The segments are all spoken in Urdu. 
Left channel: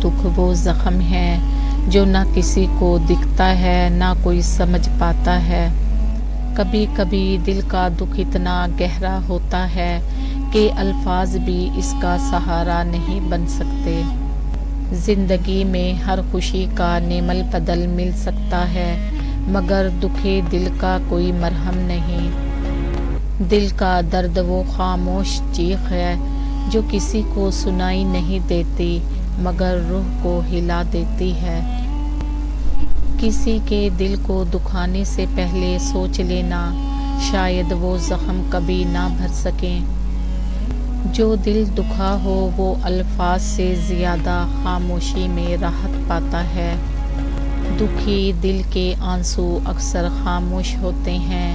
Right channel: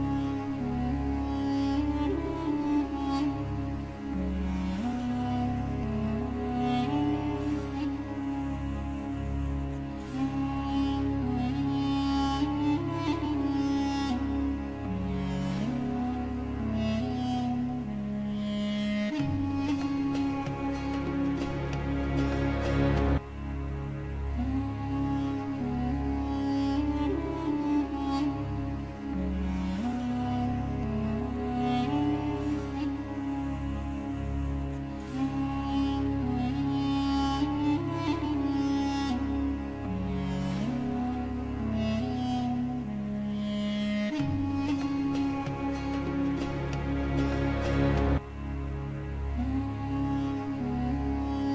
دکھ وہ زخم ہے جو نہ کسی کو دکھتا ہے نہ کوئی سمجھ پاتا ہے۔ کبھی کبھی دل کا دکھ اتنا گہرا ہوتا ہے کہ الفاظ بھی اس کا سہارا نہیں بن سکتے۔ زندگی میں ہر خوشی کا نعم البدل مل سکتا ہے مگر دکھ دل کا کوئی مرہم نہیں۔ دل کا درد وہ خاموش چیخ ہے جو کسی کو سنائی نہیں دیتی مگر روح کو ہلا دیتی ہے۔ کسی کے دل کو دکھانے سے پہلے سوچ لینا، شاید وہ زخم کبھی نہ بھر سکیں۔ جو دل دکھا ہو وہ الفاظ سے زیادہ خاموشی میں راحت پاتا ہے۔ دکھی دل کے آنسو اکثر خاموش ہوتے ہیں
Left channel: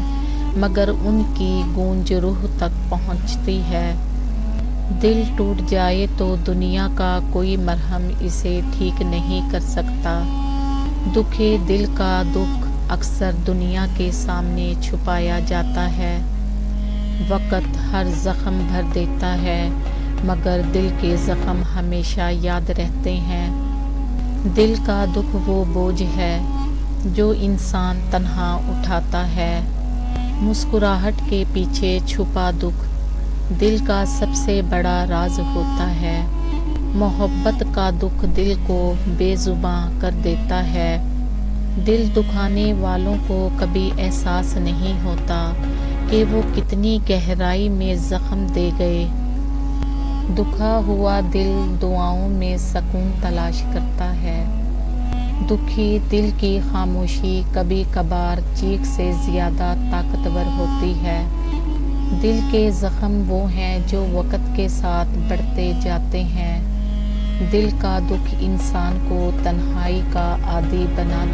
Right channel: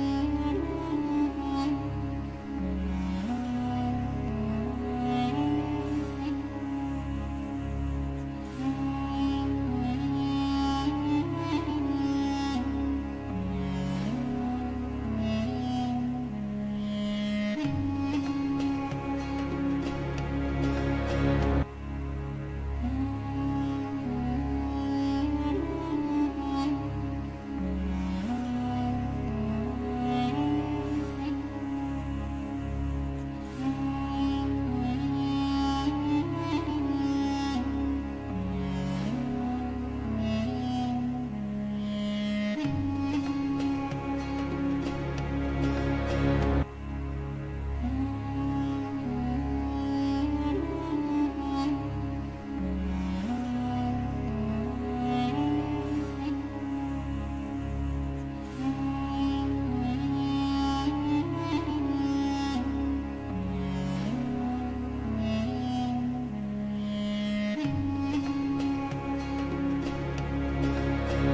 مگر ان کی گونج روح تک پہنچتی ہے۔ دل ٹوٹ جائے تو دنیا کا کوئی مرہم اسے ٹھیک نہیں کر سکتا۔ دکھی دل کا دکھ اکثر دنیا کے سامنے چھپایا جاتا ہے۔ وقت ہر زخم بھر دیتا ہے مگر دل کے زخم ہمیشہ یاد رہتے ہیں۔ دل کا دکھ وہ بوجھ ہے جو انسان تنہا اٹھاتا ہے۔ مسکراہٹ کے پیچھے چھپا دکھ دل کا سب سے بڑا راز ہوتا ہے۔ محبت کا دکھ دل کو بے زباں کر دیتا ہے۔ دل دکھانے والوں کو کبھی احساس نہیں ہوتا کہ وہ کتنی گہرائی میں زخم دے گئے۔ دکھا ہوا دل دعاؤں میں سکون تلاش کرتا ہے۔ دکھی دل کی خاموشی کبھی کبھار چیخ سے زیادہ طاقتور ہوتی ہے۔ دل کے زخم وہ ہیں جو وقت کے ساتھ بڑھتے جاتے ہیں۔ دل کا دکھ انسان کو تنہائی کا عادی بنا